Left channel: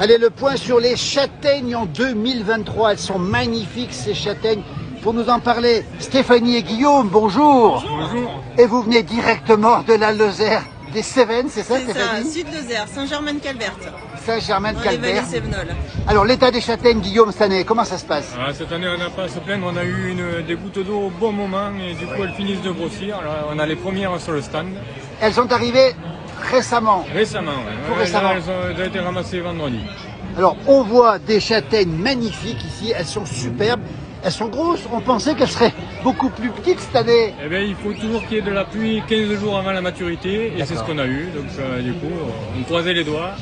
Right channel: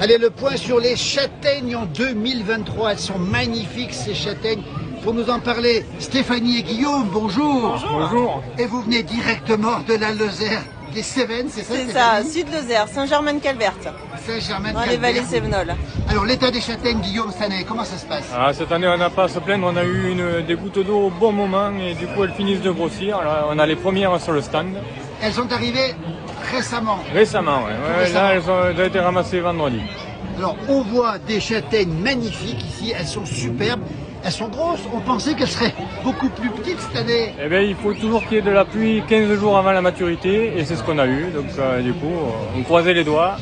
Allez, le point sur les châtaignes en 2023. Elles sont magnifiques, ces châtaignes. Pour nous en parler, Stéphanie et Guillaume, bonjour. Bonjour. Et vous venez directement de la Lozère, des Cévennes, c'est ça, C'est ça, Stéphanie? Sud-Lozère, Saint-Germain-de-Calbert, dans les Saint-Germain-de-Calbert. vallées Cévenols. Alors, l'état des châtaignes, Guillaume, cette année, comment ça se passe? Cette année, on n'a pas à se plaindre. On a eu des gouttes d'eau au bon moment et du coup, elles finissent de grossir. Alors, on a les premières sur le stand. Elles sont arrivées récemment. Récemment, ouais. Récemment. Là, elles ont été ramassées vendredi. Alors, on voit des châtaignes magnifiques ici, elles sont superbes, elles sont grosses. On pensait qu'elles seraient beaucoup plus petites cette année. Eh bien, il faut toujours qu'il y ait de la pluie 15 jours avant la maturité et c'est ce qu'on a eu. Donc, du coup, on croisait les doigts.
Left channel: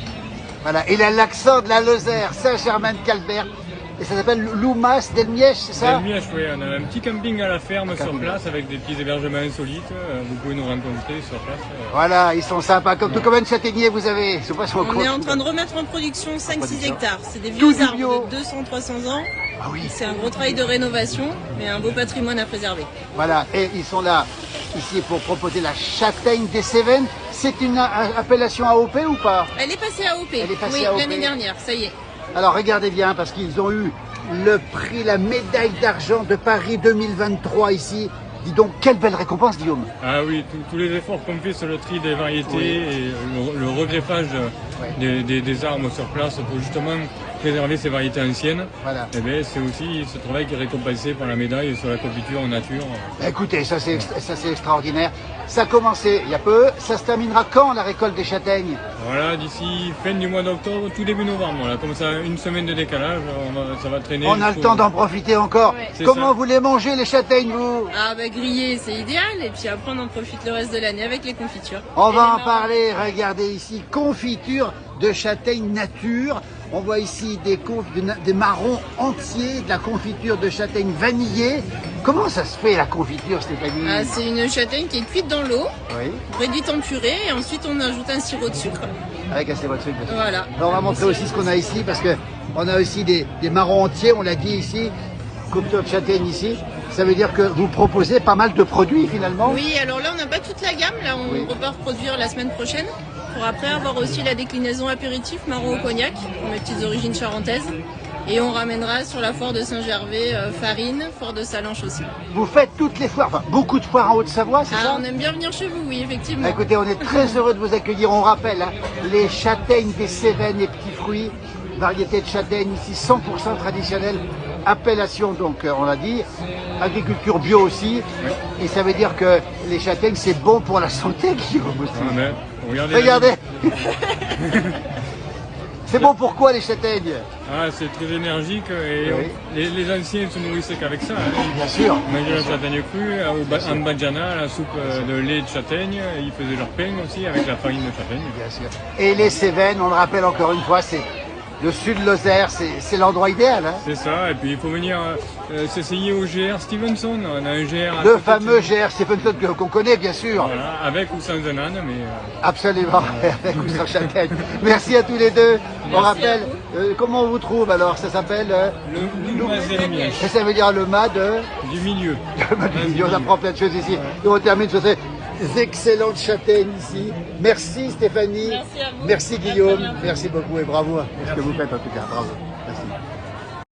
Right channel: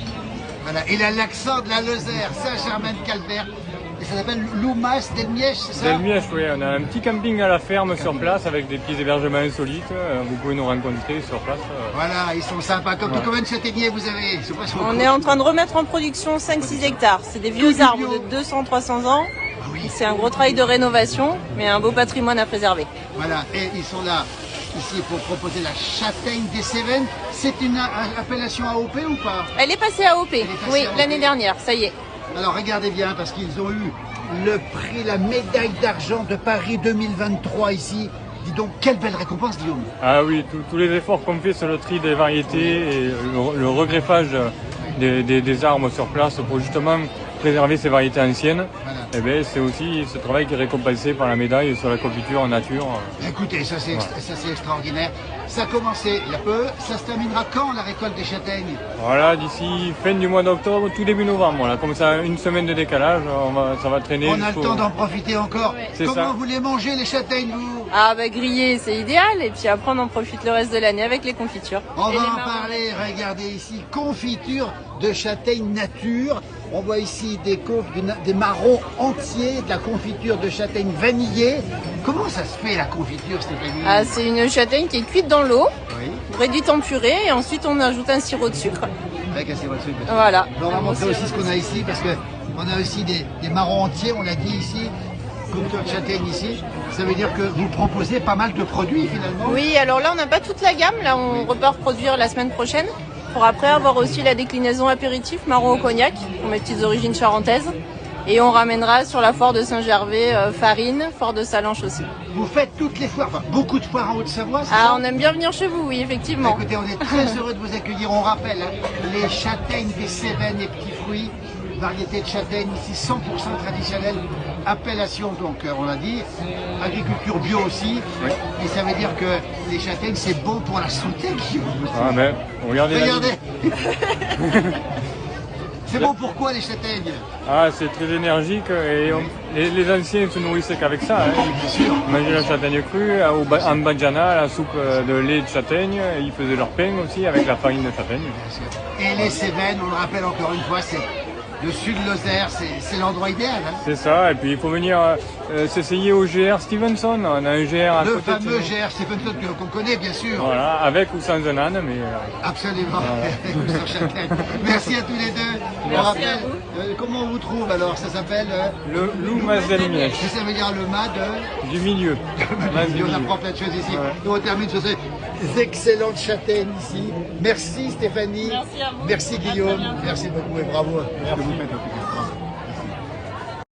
Voilà, il a l'accent de la Lozère, Saint-Germain-de-Calbert. Et ça s'appelle Loumas del Mièche, c'est ça? Del Mièche, oui. On a un petit camping à la ferme sur place avec des petits hébergements insolites. Vous pouvez nous rencontrer sur place. Voilà, ils sont sympas. Comme tout, combien de châtaigniers vous avez? Je sais pas si On est en train de remettre en production 5-6 hectares. C'est des vieux arbres de 200-300 ans. Ah oui. C'est un gros travail de rénovation, mais un beau patrimoine à préserver. Voilà, et ils sont là, ici, pour proposer la châtaigne des Cévennes. C'est une appellation AOP ou pas? Elle est passée à OP, Elle est passée oui, à OP. l'année dernière, ça y est. Alors regardez bien, parce qu'ils ont eu le prix, la médaille d'argent de Paris 2023 ici. Dis donc, quelle belle récompense, Guillaume. Ah oui, tous les efforts qu'on fait sur le tri des variétés et le regreffage des arbres sur place pour justement préserver ces variétés anciennes, Voilà. eh bien, c'est aussi ce travail qui est récompensé par la médaille sur la confiture en nature. Écoutez, ça c'est extraordinaire. Ça a commencé il y a peu. Ça se terminera quand, la récolte des châtaignes? Voilà, d'ici fin du mois d'octobre, tout début novembre. Voilà, comme ça, une semaine de décalage, ça va traîner. On a le temps d'en profiter encore. Ouais. C'est Comment ça. vous les mangez, les châtaignes, vous? Ah bah griller, c'est idéal. Et puis après, on en profite le reste de l'année avec les confitures. On Et va les en marrons. parler. Regardez ici, confiture de châtaigne nature. On voit ici des marrons entiers, de la confiture de châtaigne vanillée. Comment ça se fait, la confiture, Stéphanie? Ah, c'est une châtaigne qui est cuite dans l'eau, Oui, réduite en purée, et ensuite on ajoute un sirop de sucre. avec assez votre sucre. Voilà. On va montrer aussi ce qu'on a ici, parce que on a aussi des marrons entiers, on l'a dit ici, confiture de châtaigne ici. Ça veut dire que vous proposez pas mal de produits, finalement. Oui, alors là, on n'a pas toute la gamme. Là, on repart produire la semaine prochaine. Pour après avoir aussi la déclinaison apéritif marron au cognac, pour mes petites origines charentaises. Et on ramènera sur la foire de Saint-Gervais farine, foire de Salanches aussi. Vous faites toutes les foires, enfin, beaucoup de foires en Haute-Savoie, c'est ça? Ah, on aime bien venir chez vous, oui, effectivement. Écoutez, on est très heureux de vous accueillir. On rappelle, hein, les châtaignes des Cévennes et petits fruits, variété de châtaignes ici 100% traditionnelle, appellation donc on l'a dit, agriculture bio aussi. Oui. Et ça veut dire que les châtaignes c'est bon pour la santé, Guillaume, aussi. Ah, mais, regardez. Regardez. C'est bon pourquoi les châtaignes? Ah, c'est très énergique et Oui. les anciens se nourrissaient qu'avec ça. Hein. Bien sûr. Ils mangeaient la châtaigne crue, en badjana, la soupe de lait de châtaigne. Ils faisaient leur pain aussi avec la farine de châtaigne. Et les Cévennes, on le rappelle encore une fois, c'est le sud de Lozère, c'est l'endroit idéal. Hein. C'est ça, et puis il faut venir s'essayer au GR Stevenson. On a un GR à Le côté de fameux chez nous. GR Stephenson qu'on connaît bien sûr. Voilà, avec ou sans un âne, mais Absolument, avec ou sans châtaigne. Merci à tous les deux. On Merci rappelle, comment on vous trouve alors? Ça s'appelle le Loumas del Mièche, ça veut dire le mât de... du milieu. On apprend plein de choses ici. Et on termine sur ces excellentes châtaignes ici. Merci Stéphanie. Merci à vous. Merci À très Guillaume. bientôt. Merci beaucoup et bravo à ce que vous faites en tout cas. Bravo.